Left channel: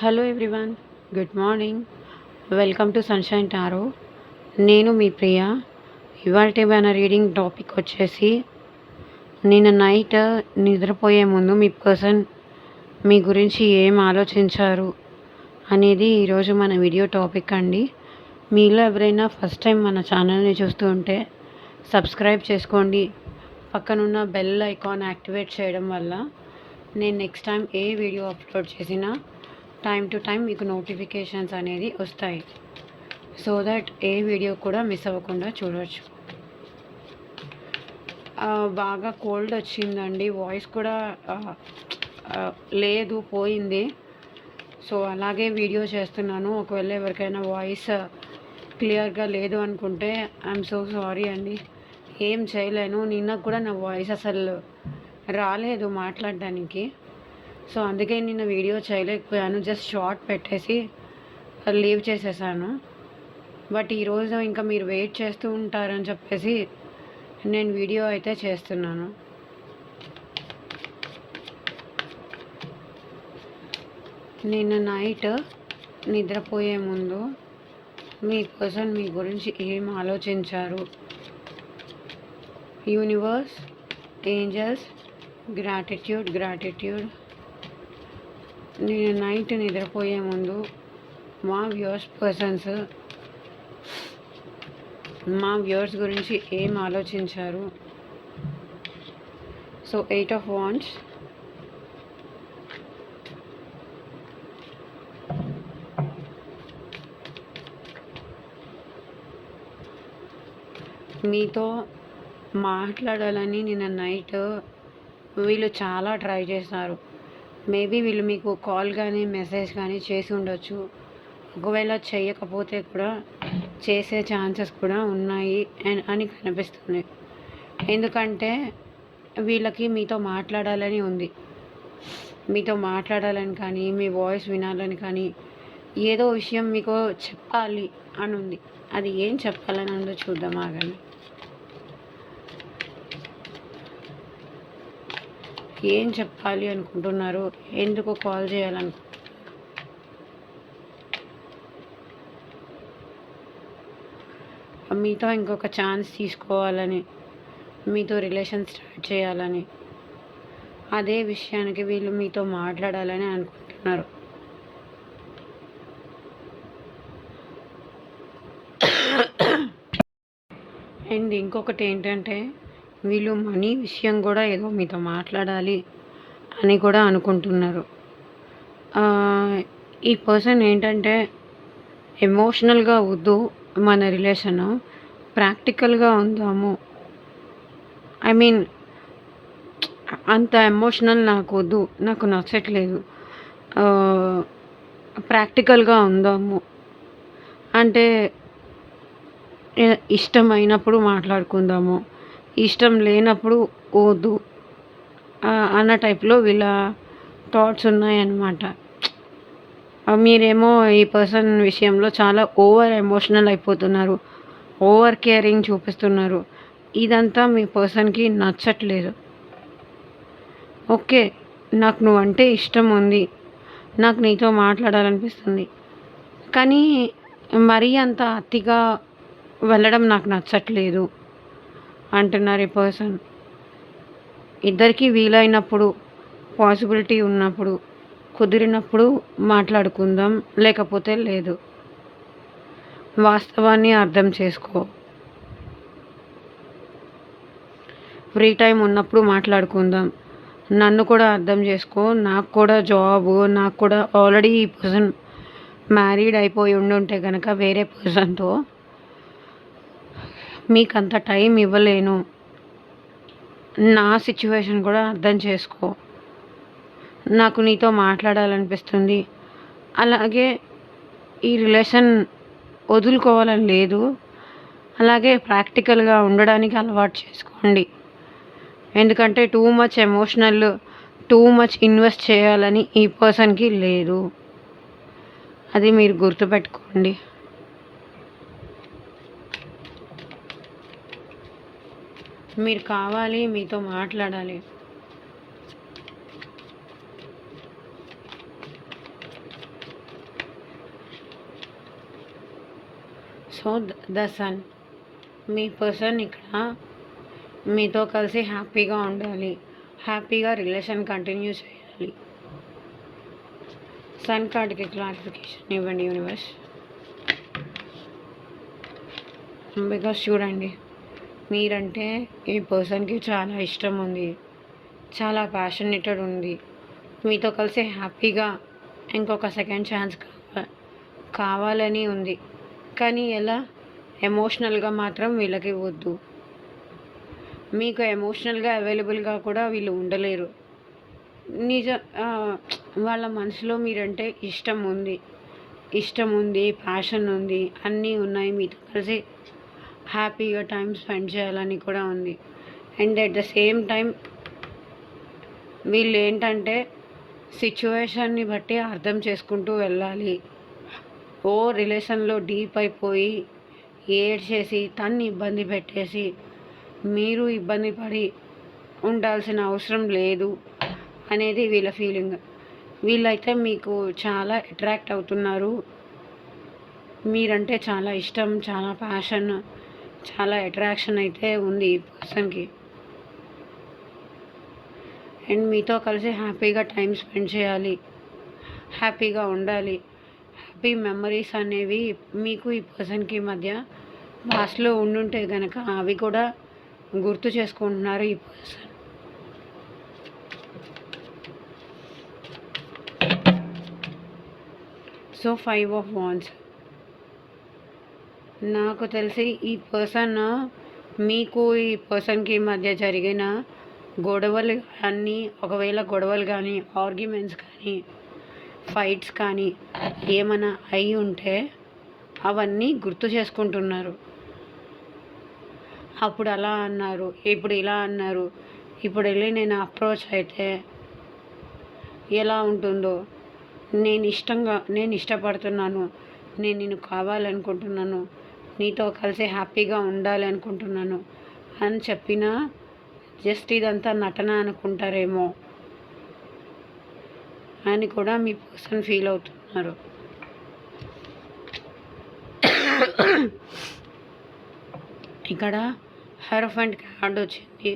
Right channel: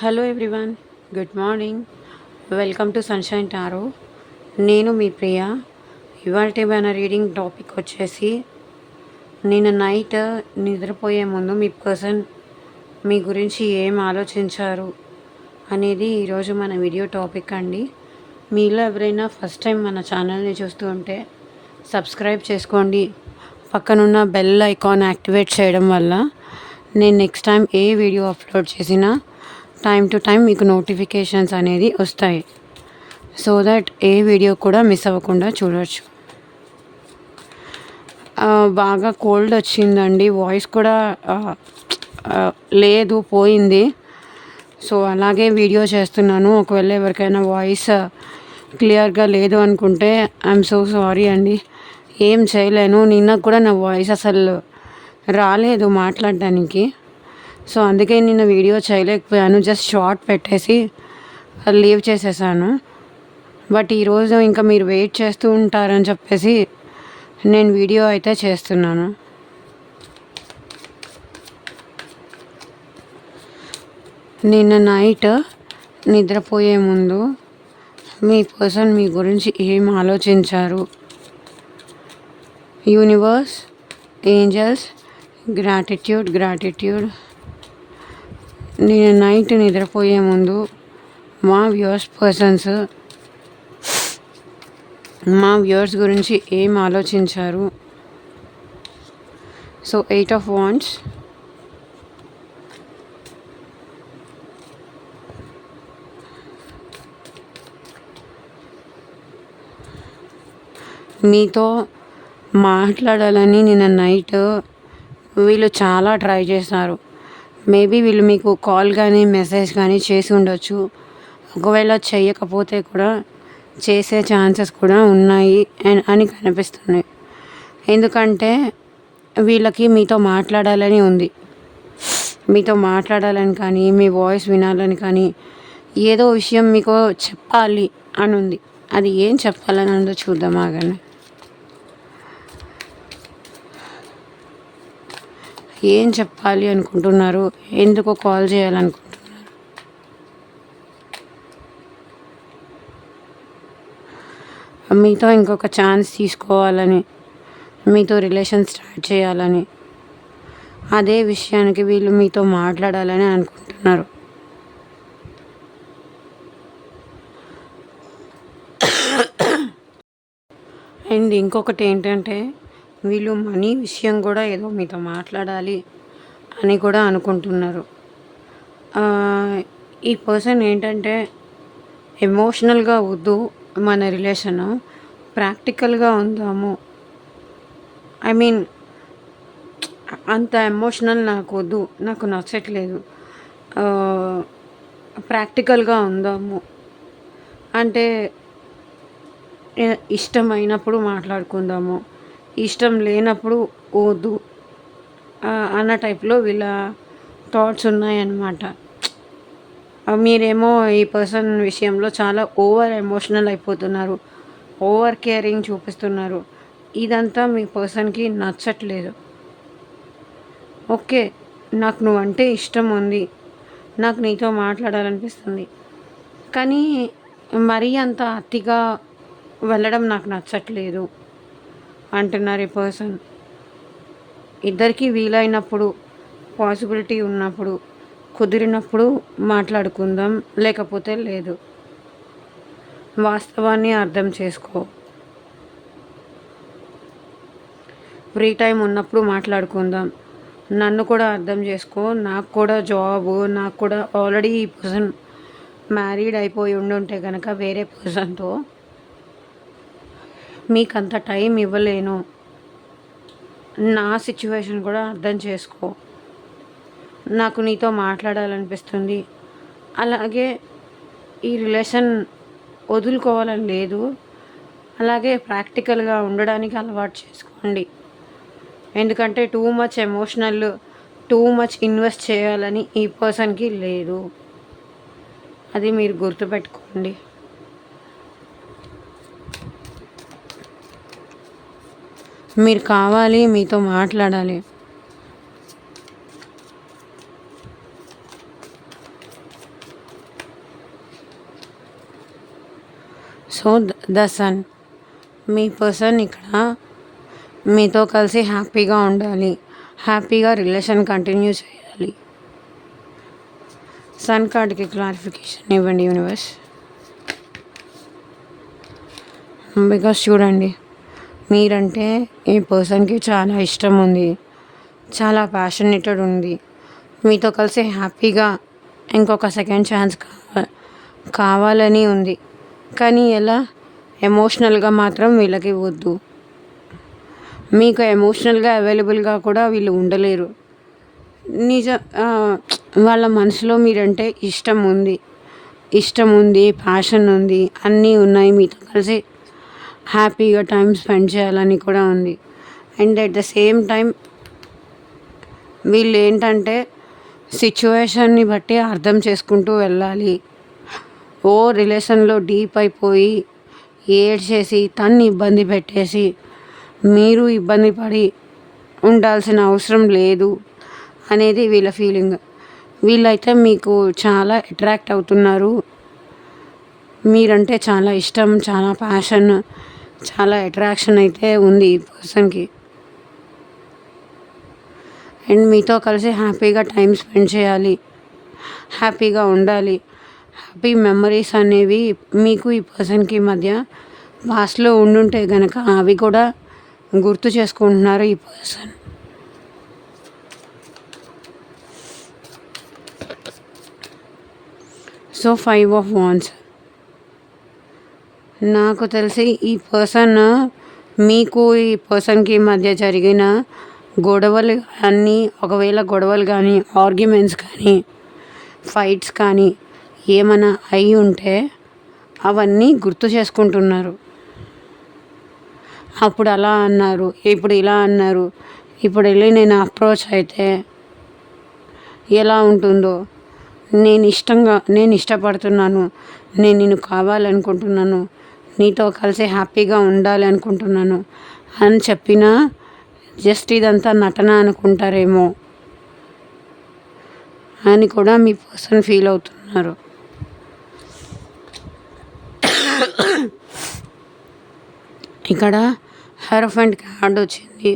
Hello everyone, good morning. Welcome to sunshine tarot. నేను మీ ప్రియ. ఇవాల్టి మన రీడింగ్ టాపిక్ వచ్చేసి, నిన్న నైట్ నిద్రపోయే ముందు మీ పర్సన్ మీ గురించి ఏం ఆలోచించారు అనేది ఈరోజు మన వీడియో టాపిక్ అండి. మీలో ఎవరైనా ఫస్ట్ టైం మన ఛానల్ని చూస్తూ ఉంటే సబ్స్క్రైబ్ చేసుకోండి. పక్కనున్న బెల్ ఐకాన్ యాక్టివేట్ చేయడం వల్ల నేను నెక్స్ట్ టైం ఏ వీడియో అప్లోడ్ చేసినా టైం టు టైం మీకు నోటిఫికేషన్స్ అనేది వస్తాయి. సో దట్ ఏ వీడియో కూడా మిస్ అవ్వకుండా చూడవచ్చు. బాగా కోల్డ్ వచ్చిందండి, వాయిస్ కూడా లేదు, పోయింది. సో అలాగే వీడియో చేస్తున్నాను. ఒకవేళ ఎవరికైనా వాయిస్ క్లియర్గా లేదు అనుకుంటే ఐఎమ్ సో సారీ అండి. ఏం చేయలేను. నిన్న కూడా నా వాయిస్ అసలు రాలేదు మాట్లాడడానికి. సో అందుకే నిన్న వీడియో చేయలేకపోయాను. జస్ట్ షార్ట్ పెట్టేసి లీవ్ చేసేసాను. బట్ ఈరోజు ఇంకా మీరు వెయిట్ చేస్తూ ఉంటారని చెప్పేసి నేను వీడియో అయితే చేస్తున్నాను. నిన్న నైట్ నిద్రపోయే ముందు మీ పర్సన్ మీ గురించి ఏం ఆలోచించారు? Universe, angels, gratitude. నేను నైట్ నిద్రపోయే ముందు మా వ్యూవర్స్ గురించి ఏం ఆలోచించారు? సో 8 of Wands, మీతో మాట్లాడాలని నిన్న నైట్ వీళ్ళు చాలా ట్రై చేశారు. మేబీ వీళ్ళు మీకు కాల్ కానీ మెసేజ్ కానీ చేసి ఉండొచ్చు. ఒకవేళ చేయకపోతే కూడా చేసే ఛాన్సెస్ కూడా ఉన్నాయి అని కనిపిస్తుంది. ఎందుకంటే వీళ్ళకి మీతో మాట్లాడాలని ఉంది. మీతో మాట్లాడాలని కానీ, మీ వాయిస్ వినాలని కానీ, ఏదో విషయం మీకు చెప్పాలి అని ఉంది. అది ఏం చెప్పాలని ఉందో చూద్దాం, ఆగండి. ఏం చెప్పాలి అనుకుంటున్నారు? ఎందుకు కాల్ చేయాలనుకుంటున్నారు? మీతో ఇంకొక ఛాన్స్ తీసుకోవాలని, మీతో రిలేషన్ స్టార్ట్ చేయాలని, అదే విషయానికి వీళ్ళు మీతో మాట్లాడాలని అనుకుంటున్నారు. అండ్ ఇంకొకటి ఏంటంటే, వీళ్ళు మనీ విషయం కూడా ఏదో మీతో మాట్లాడాలి అని కూడా అనుకుంటున్నారు. ఈ పర్సన్ ఏంటంటే, ఎమోషనల్గా వద్దు మన రిలేషను, ప్రాక్టికల్గా ఉందాము. ఐ మీన్ అంత ఎమోషనల్ నాకు వద్దు, నాకు నచ్చట్లేదు, ప్రాక్టికల్గా ఉందాము అంటే ఇష్టమైనప్పుడు మాట్లాడుకుందాము, ఇష్టం లేనప్పుడు వద్దు అన్న టైప్లో వీళ్ళ థాట్స్ ఉన్నాయన్నమాట. మీరేమో ఈ పర్సన్ విషయంలో చాలా ఓవర్ ఎమోషనల్ అయిపోతున్నారు, ఓవర్ కేరింగ్ చూపిస్తున్నారు. ఇదంతా మీ పర్సన్కి నచ్చట్లేదు. ఓకే, నాకు నువ్వంటే ఇష్టం ఉంది, నాకు నీతో మాట్లాడాలనిపిస్తుంది, కానీ మరీ అంత అతిగా వెళ్ళడం నాకు నచ్చట్లేదు అంటున్నారు ఈ పర్సన్. ఇద్దరికీ వీలైనప్పుడు, పాసిబిలిటీ ఉన్నప్పుడు, కుదిరినప్పుడు మాట్లాడుకుందాం, లేకపోతే లేదు. వాస్తవాన్ని అర్థం చేసుకో. ఫ్రీ టైం ఉన్నప్పుడు మాట్లాడుకుందాం. నన్ను కూడా అర్థం చేసుకో. నాకు కూడా జాబు, నాకు కూడా ఆల్రెడీ ఈ పర్సన్ మ్యారీడ్ అయిపోయి ఉండుంటే కనుక వేరే పర్సన్తో మీకు అంత టైం ఇవ్వలేను. నా సిచ్యువేషన్ కూడా అర్థం చేసుకో. నాకు నీతో మాట్లాడాలనిపిస్తుంది, అలాగే ఈ రిలేషన్ వదులుకోవాలని లేదు, అలాగే ప్రాక్టికల్గా ఉండడానికి అలవాటు చేసుకోండి. ఎందుకంటే too much emotional, too much invest చేయాలని ఈ పర్సన్కి లేదు. అది మీరు గుర్తుపెట్టుకోండి. మీరు కావాలి, మీతో మాట్లాడాలి. సో ద సన్, మీ పర్సన్ ఇక్కడ మీతో కలిసి హ్యాపీగా ఉండాలి, హ్యాపీగా రిలేషన్ కంటిన్యూ చేయాలి. సన్ కార్డ్కి క్లారిఫికేషన్ ఇవ్వండి యూనివర్స్. బికాస్ చూడండి, మీరంటే ఈ పర్సన్కి చాలా ఇష్టం ఉంది, చాలా ప్యాషనేటెడ్ ఉంది, మీతో కలిసి హ్యాపీగా ఇంకొక సెకండ్ ఛాన్స్ కావాలని ఉంది. కానీ ఎలా? ఎమోషనల్గా మాత్రం వీళ్ళకి వద్దు. మీకు ఎమోషనల్గా అవైలబుల్గా కూడా వీళ్ళు ఉండలేరు. నిజ వాళ్ళ మనసులో మీరంటే ఇష్టం ఉంది, ప్యాషన్ ఉంది, అన్నీ ఉన్నాయి, మీతో కలిసి హ్యాపీగా టైం స్పెండ్ చేయాలని కూడా ఉంది. And at the same time వీళ్ళు ఏంటంటే సిచ్యువేషన్ని బట్టి అర్థం చేసుకుంటూ వెళ్ళాలి. ఓ రిలేషన్లో డీప్ అయిపోయి ఏడ్చేసి తన్ని ఇబ్బంది పెట్టేసి మీరు ఇబ్బంది పడి ఉండాల్సిన అవసరం లేదు అనేది వీళ్ళ ఫీలింగ్. వీళ్ళైతే మీకు చాలా అట్రాక్ట్ అవుతున్నారు, మీరంటే చాలా ఇష్టం, చాలా ప్యాషన్, చాలా అట్రాక్షన్ అయితే ఉంది ఈ పర్సన్కి. అండ్ మీతో కలిసి హ్యాపీగా టైం స్పెండ్ చేయాలి, హ్యాపీగా ఉండాలి. హ్యాపీ మెమరీస్ అనేవి మీకు ఈ పర్సన్కి మధ్య పాస్ట్లో ఉండుంటే కనుక అవి కూడా గుర్తు చేసుకుంటున్నారు ఈ పర్సన్. సో 5 ఆఫ్ వాండ్స్, నాకు తెలిసి ఈ పర్సన్ మీకు ఈ పర్సన్కి మధ్య జరిగిన గొడవలు అన్నీ, ఒకవేళ గొడవలు కానీ ఆర్గ్యుమెంట్స్ కానీ ఫైట్స్ కానీ ఏమైనా అయి ఉంటే అవన్నీ గుర్తు చేసుకుంటున్నారు. అప్పుడు అలా అన్నారు, ఇప్పుడు ఇలా అన్నారు, ఇప్పుడు వెళ్ళి నేను అప్రోచ్ అయితే ఎలా ఉంటుందో, నేను ఇష్టపడుతున్నాను, నేను నిన్ను కావాలనుకుంటున్నాను, నీతో కలిసి హ్యాపీగా ఉండాలి అనుకుంటున్నాను అని చెప్పినా జస్ట్ ఇదంతా నటన అనుకుంటారేమో అని కూడా మీ పర్సన్ ఫీల్ అవుతున్నారు. ఇక్కడ హెరోఫెంట్ కార్డ్ వచ్చింది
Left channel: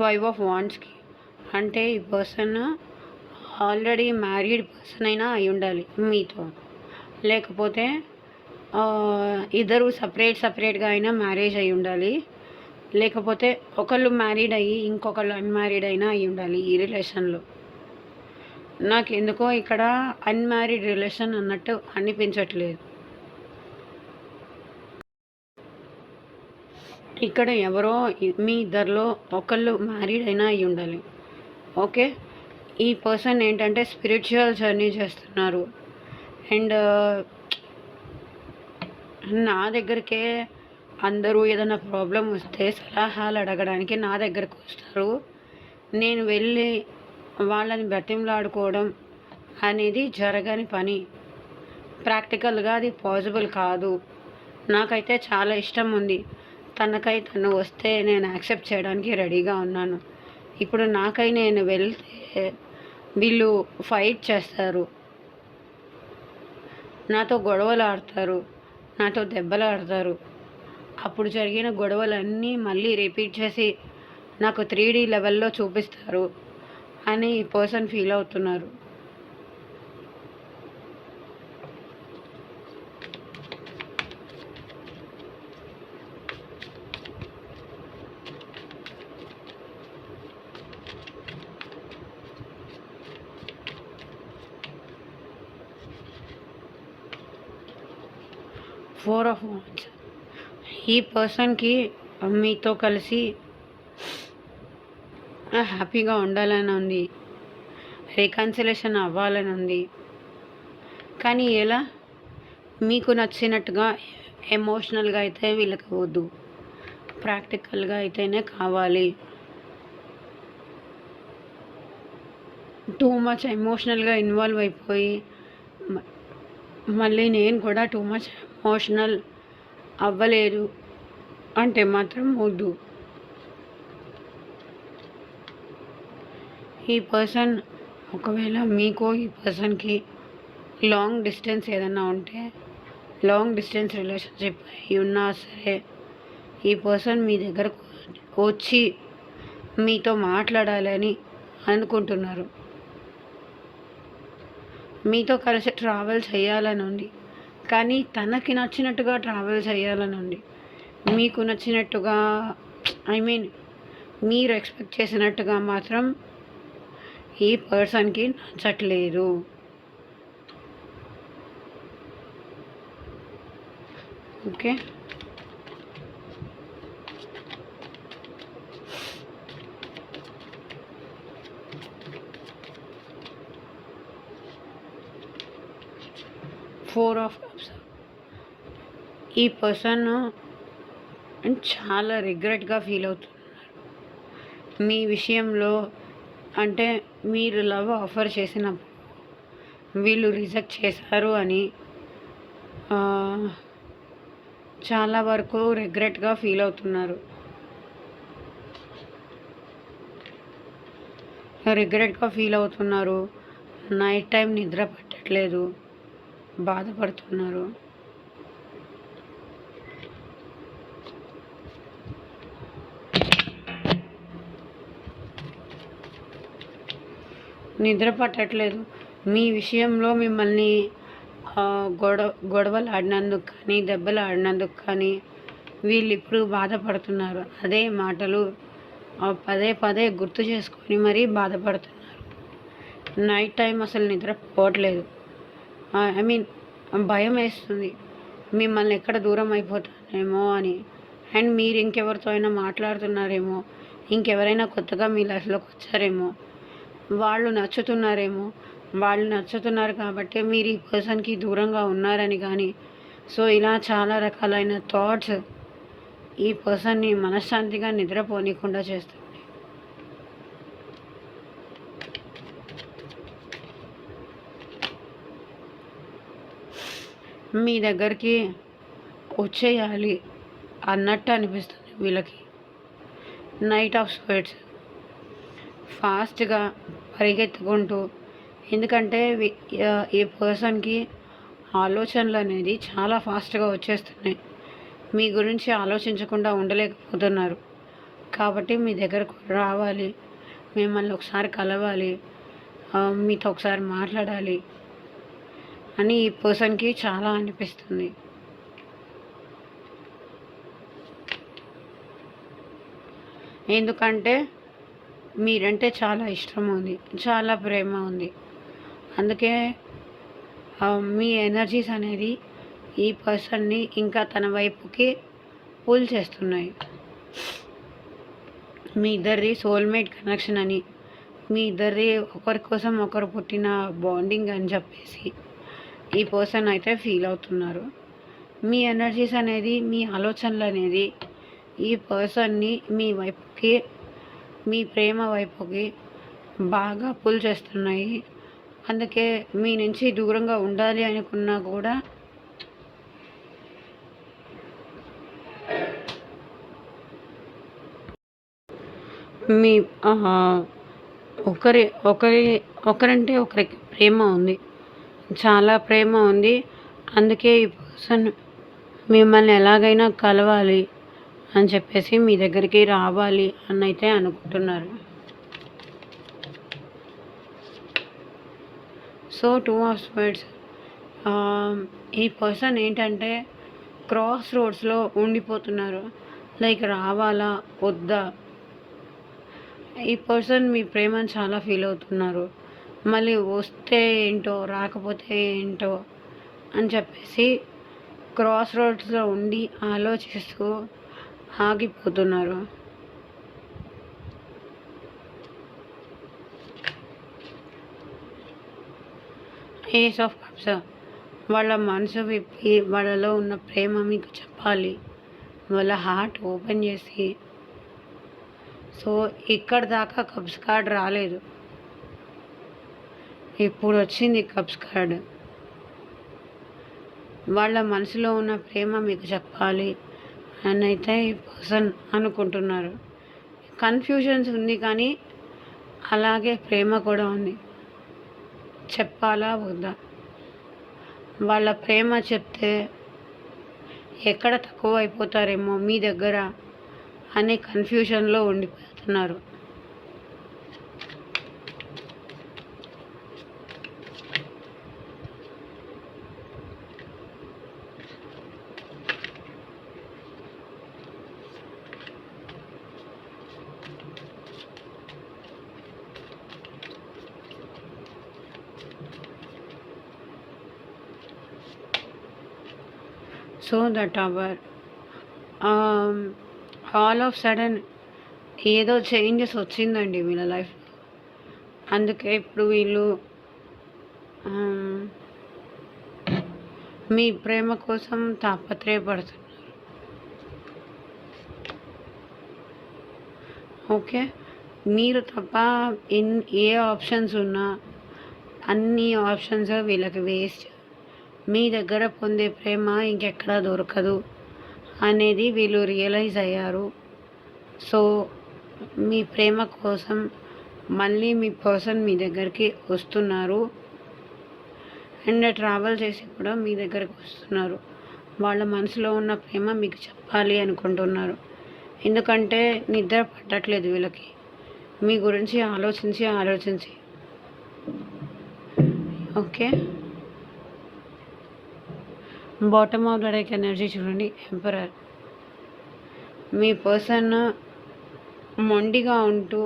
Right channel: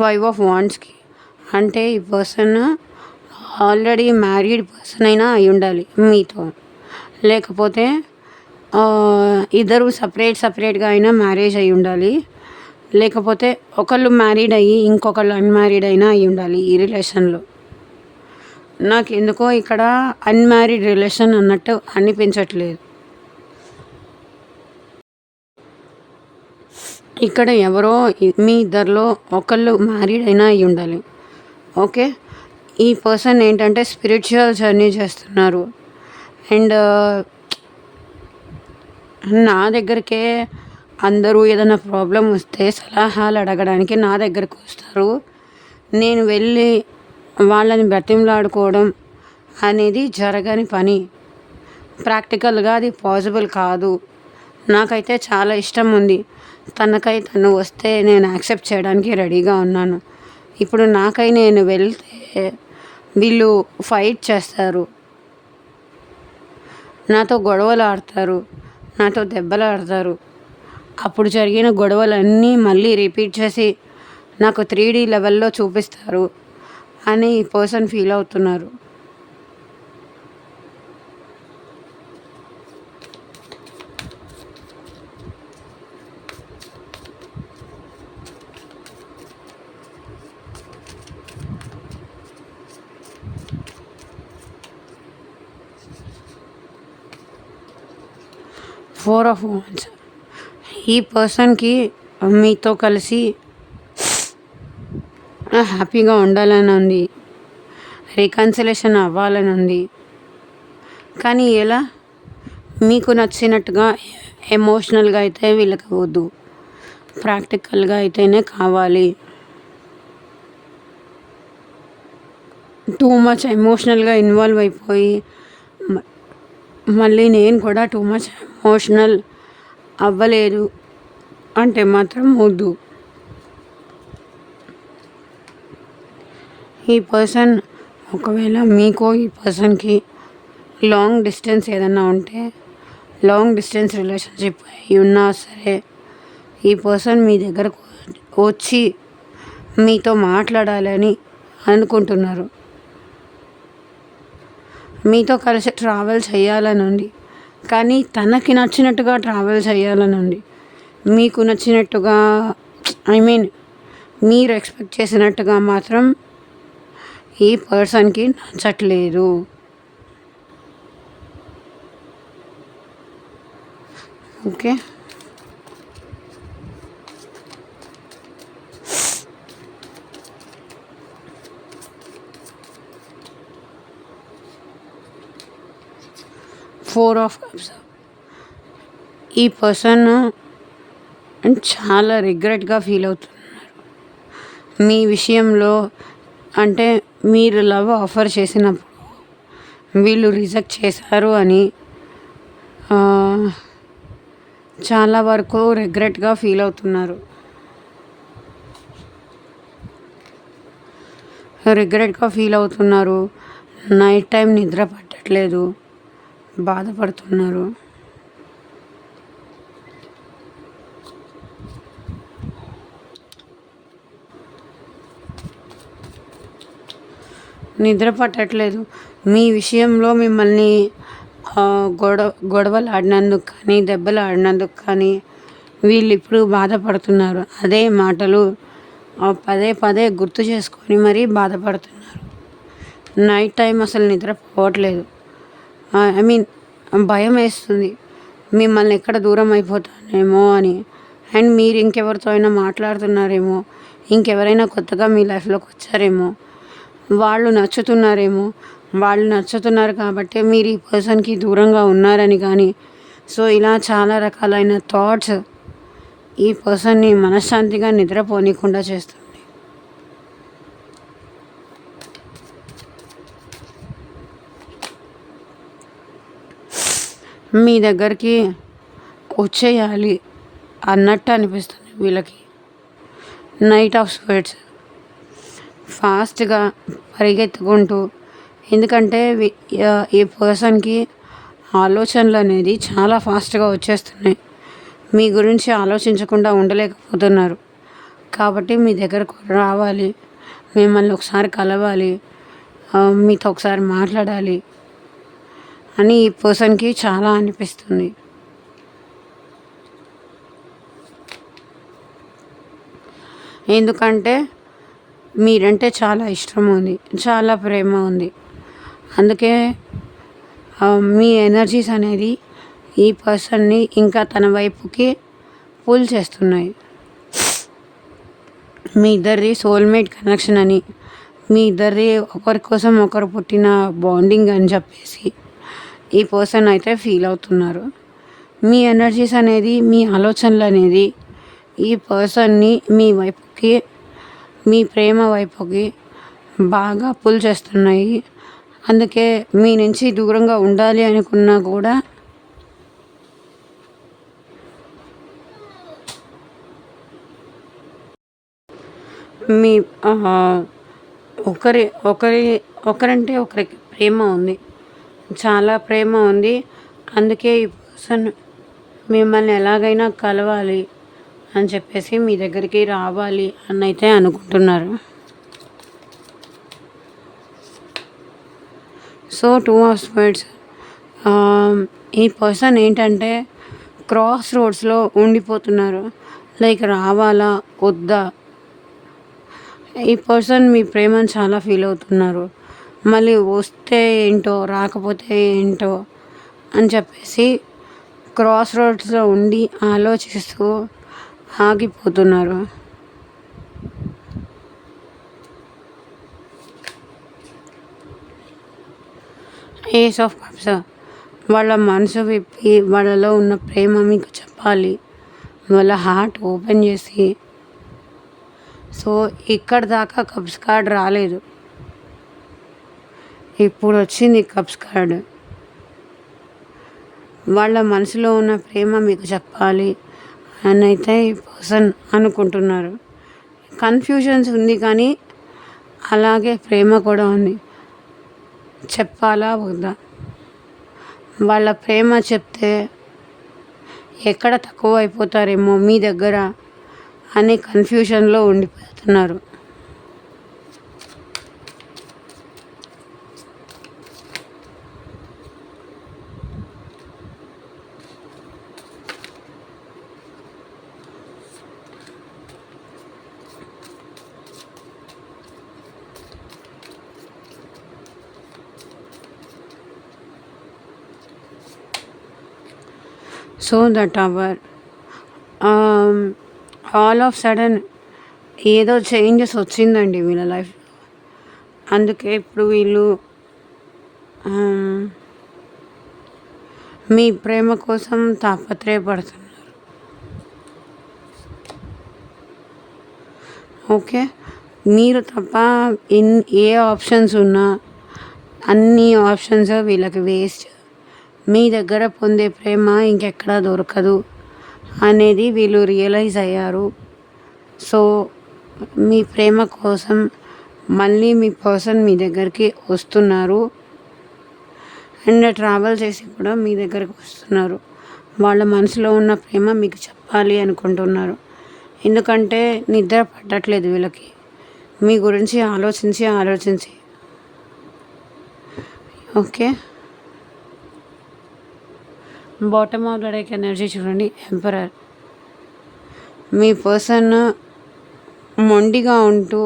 5 ఆఫ్ వాండ్స్కి. అంటే ఈ పర్సన్ ఆల్రెడీ మ్యారీడ్ పర్సన్ అయినా అయి ఉండాలి మీతో, లేకపోతే ఇద్దరు సపరేట్గా అయినా మ్యారేజ్ అయి ఉండాలి, లేకపోతే ఒకళ్ళు మ్యారీడ్ అయ్యి ఇంకొకళ్ళు అన్మ్యారీడ్ అయినా అయి ఉండాలి ఈ రిలేషన్లో. నాకు ఎందుకో ఇక్కడ అన్మ్యారీడ్ రిలేషన్ అన్నట్టు అనిపించట్లేదు. ఇక్కడ ఎవరో మీ ఇద్దరిలో ఒకళ్ళు మ్యారీడ్ అయినా అయి ఉండాలి. ఓకే, ఈ పర్సన్ ఏంటంటే స్పిరిచువల్ జర్నీ చేస్తున్నారు. అండ్ నా దగ్గరికే అందరూ ఏదైనా ప్రాబ్లం వస్తే సలహాలు అడగడానికి నా దగ్గరకు వస్తారు. నేను వెళ్ళి వాళ్ళని బ్రతిమలాడుకోవడం అనేది జరగని పని, ప్రాక్టికల్గా అది పాసిబుల్ కాదు. నాకైతే చాలా ఇష్టం ఉంది, తనకై తను వస్తే నేను యాక్సెప్ట్ చేయడానికి రెడీగా ఉన్నాను. ఇప్పుడు నాకై నేను వెళ్తే వీళ్ళు ఫైట్ చేస్తారు, నాతో గొడవలు ఆడతారు, నాతో దెబ్బలు ఆడతారు. అప్పుడు జరిగిన గొడవలన్నీ మళ్ళీ రిపీట్ చేసి నాకు 3D లెవెల్లో చూపిస్తారు అని ఈ పర్సన్ ఫీల్ అవుతున్నారు. ఫోర్ ఆఫ్ వాండ్స్, ఈ పర్సన్కి మీతో కలిసి హ్యాపీగా ఉండాలని ఉంది, రికన్సిలేషన్ అవ్వాలని ఉంది. కానీ ఎలా? మీకు నచ్చినట్టుగా ఎమోషనల్గా అయితే వీళ్ళకి వద్దు, ప్రాక్టికల్గా అయితేనే కావాలి. టూ మచ్ ఎమోషనల్గా ఇన్వాల్వ్ అయిపోయి మళ్ళీ నేను కూడా టూ మచ్ ఎమోషనల్ అవ్వలేదు అంటే మాత్రం వద్దు. ఈ పర్సన్ ఒకవేళ మీకు ఈ పర్సన్కి లాంగ్ డిస్టెన్స్ ఏదన్నా ఉంటే లాంగ్ డిస్టెన్స్ రిలేషన్షిప్ అయి ఉన్నా సరే ఈ పర్సన్ మీ దగ్గరకు వచ్చి మీతో మాట్లాడాలని అనుకుంటున్నారు. మీతో కలిసి ట్రావెల్ చేయాలని ఉంది, కానీ తనకి నచ్చినట్టుగా ట్రావెల్ చేయాలని ఉంది. మీకు నచ్చినట్టుగా, ఐ మీన్ మీరు ఎక్స్పెక్ట్ చేసినట్టుగా మాత్రం ఈ పర్సన్కి నచ్చట్లేదు. Okay, four of cups. ఈ పర్సన్ చాలా రిగ్రెట్గా ఫీల్ అవుతున్నారు మీ విషయంలో. అంటే మీరు లవ్ ఆఫర్ చేసినప్పుడు వీళ్ళు రిజెక్ట్ చేశారు అని చాలా వరకు రిగ్రెట్గా ఫీల్ అవుతున్నారు. నైట్ టైం నిద్ర పట్టట్లేదు, బాధపడుతున్నారు. మీ విషయంలో మిమ్మల్ని గొడవలు ఆడినందుకు కానీ, దెబ్బలు ఆడినందుకు కానీ వీళ్ళు ఇప్పుడు బాధపడుతున్నారు. అదే మాటలు పదే పదే గుర్తు చేసుకొని మరీ బాధపడుతున్నారు. నైట్ టైం అసలు నిద్రపోవట్లేదు. ఐ మీన్ భయం వేస్తుంది మిమ్మల్ని ఎక్కడ దూరం అయిపోతానేమో అని. అండ్ మీరు ఇంకెవరితో అయినా మాట్లాడుతున్నారేమో, ఇంకెవరైనా కొత్తగా మీ లైఫ్లోకి వచ్చారేమో, వాళ్ళు నచ్చుతున్నారు కాబట్టి మీరు ఈ పర్సన్కి దూరంగా ఉన్నారని. కానీ సో ఇలా చాలా రకాలైన థాట్స్ ఈ పర్సన్ని మనశ్శాంతిగా నిద్రపోనీయకుండా చేస్తుంది. మీ దగ్గరికి వచ్చేయాలి అన్నట్టు అనిపిస్తుంది వీళ్ళకి. నైట్ ఆఫ్ స్వర్డ్స్, ఫాస్ట్గా పరిగెత్తుకుంటూ, ఎందుకంటే ఈ పర్సన్కి ఆలోచనలు అనేది చాలా ఫాస్ట్గా వచ్చేస్తున్నాయి. మీ గురించి ఆలోచించకుండా ఉండలేకపోతున్నారు. కాబట్టి మీ దగ్గరకు రావాలి, మిమ్మల్ని ఒకసారి కలవాలి, మీతో ఒకసారి మాట్లాడాలి అని ఈ పర్సన్కి చాలా అనిపిస్తుంది. ఎందుకంటే మీరంటే చాలా ఇష్టం ఉంది, చాలా ప్రేమ ఉంది. అందుకే మీ ఎనర్జీస్ అనేది ఈ పర్సన్ని ఇంకా తన వైపుకి పుల్ చేస్తున్నాయి. మీ ఇద్దరి సోల్మేట్ కనెక్షన్ అని, మీ ఇద్దరి ఒకరి కోసం ఒకరు పుట్టిన బాండింగ్ అని చెప్పేసి ఈ పర్సన్ అయితే ఫీల్ అవుతున్నారు. మీ ఎనర్జీస్ అనేది, మీ ఆలోచనలు అనేది ఈ పర్సన్ని మీ వైపుకి, మీ ప్రేమ వైపుకి బాగా పుల్ చేస్తున్నాయి. అందుకే మీ నుంచి దూరంగా ఉండాలి అనుకున్నా కూడా మీ ఒకరంటే ఒకరికి ప్రేమ ఉంది, చాలా ప్రేమ ఉంది. అందుకే ఈ పర్సన్ మిమ్మల్ని ఎలాగైనా కలవాలి అని చెప్పేసి మీ దగ్గరికి రావాలి అని అయితే అనుకుంటున్నారు. సో 2 ఆఫ్ స్వర్డ్స్, ఈ పర్సన్ ఏంటంటే క్రాస్ రోడ్స్లో ఉండిపోతున్నారు. లైక్ రావాలా వద్దా. ఈ పర్సన్ మీ ప్రేమను చాలా ఫీల్ అవుతున్నారు. మళ్ళీ వస్తే ఏంటో, రాకపోతే ఏంటో అని చెప్పేసి క్రాస్ రోడ్స్లో ఉండి ఆలోచిస్తూ ఆగిపోతున్నారు. ఏస్ ఆఫ్ కప్స్, వాళ్ళ మనసు విప్పి వాళ్ళలో ఉన్న ప్రేమ మీకు చెప్పాలి, వాళ్ళ హార్ట్ ఓపెన్ చేసి. సో ఇక్కడ దాకా కప్స్ కార్డ్ రాలేదు, ఇప్పుడు వచ్చింది కప్స్ కార్డ్. వాళ్ళ మనసులో ఉన్న ప్రేమ మీకు చెప్పాలి అని అయితే ఈ పర్సన్ అనుకుంటున్నారు. కన్ఫ్యూజన్స్ ఉంది, కానీ అలాగే ప్రేమ కూడా ఉంది. చెప్పాలా వద్దా. వాళ్ళ ప్రేమ చెప్తే ఎక్కడ తక్కువ అయిపోతారేమో మీ దగ్గర అనే కన్ఫ్యూజన్లో ఉండిపోతున్నారు. So that our all of sudden ఏదో చేంజెస్ వచ్చిందండి వీళ్ళ లైఫ్. అందుకే ఇప్పుడు వీళ్ళు మీ ప్రేమ కోసం తాపత్రయపడుతున్నారు. ఓకే, మీరు తప్ప ఏ ఆప్షన్స్ ఉన్నా అన్ని ఆప్షన్స్ వీళ్ళకి వేస్ట్. మీ దగ్గర పొందే ప్రేమ ఇంకెక్కడా దొరకదు అనేది వీళ్ళు రియలైజ్ అయ్యారు. సో మీ ప్రేమ కోసం మళ్ళీ మీ పర్సన్ మీ దగ్గరికి వస్తున్నారు అండ్ ట్రావెల్ చేసి కూడా మీ దగ్గరికి వస్తున్నారు. వాళ్ళ మనసులో ఉన్న ప్రేమ మీకు చెప్పాలి అనుకుంటున్నారు. ఎందుకంటే నిద్ర పట్టట్లేదు వీళ్ళకి మీ గురించి ఆలోచించి. Okay, bottom of the deck energy చూడండి, ఎంపరర్. మీ పర్సన్ మొండిగా ఉంటూ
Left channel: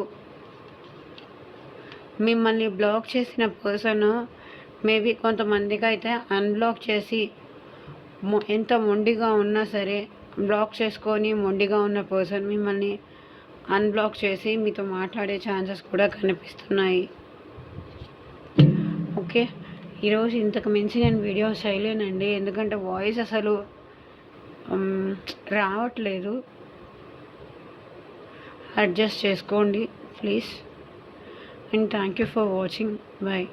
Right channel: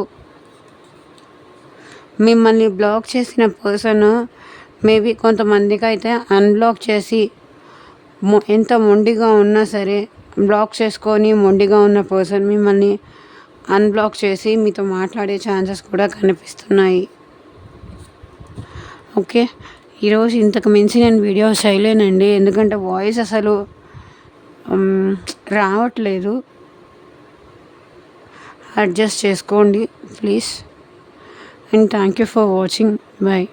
మిమ్మల్ని బ్లాక్ చేసిన పర్సన్ మేబీ కొంతమందికి అయితే అన్బ్లాక్ చేసి ఎంత మొండిగా ఉన్నా సరే బ్లాక్ చేసుకొని మొండిగా ఉన్న పర్సన్ మిమ్మల్ని అన్బ్లాక్ చేసి మీతో మాట్లాడే ఛాన్సెస్ కూడా కనిపిస్తున్నాయి. ఓకే, ఈరోజు ఇంతకు మించి నేను వీడియో చేయలేనండి, ఎందుకంటే వాయిస్ అసలు రావట్లేదు. అడ్జస్ట్ చేసుకోండి please. And thank you for watching. Bye.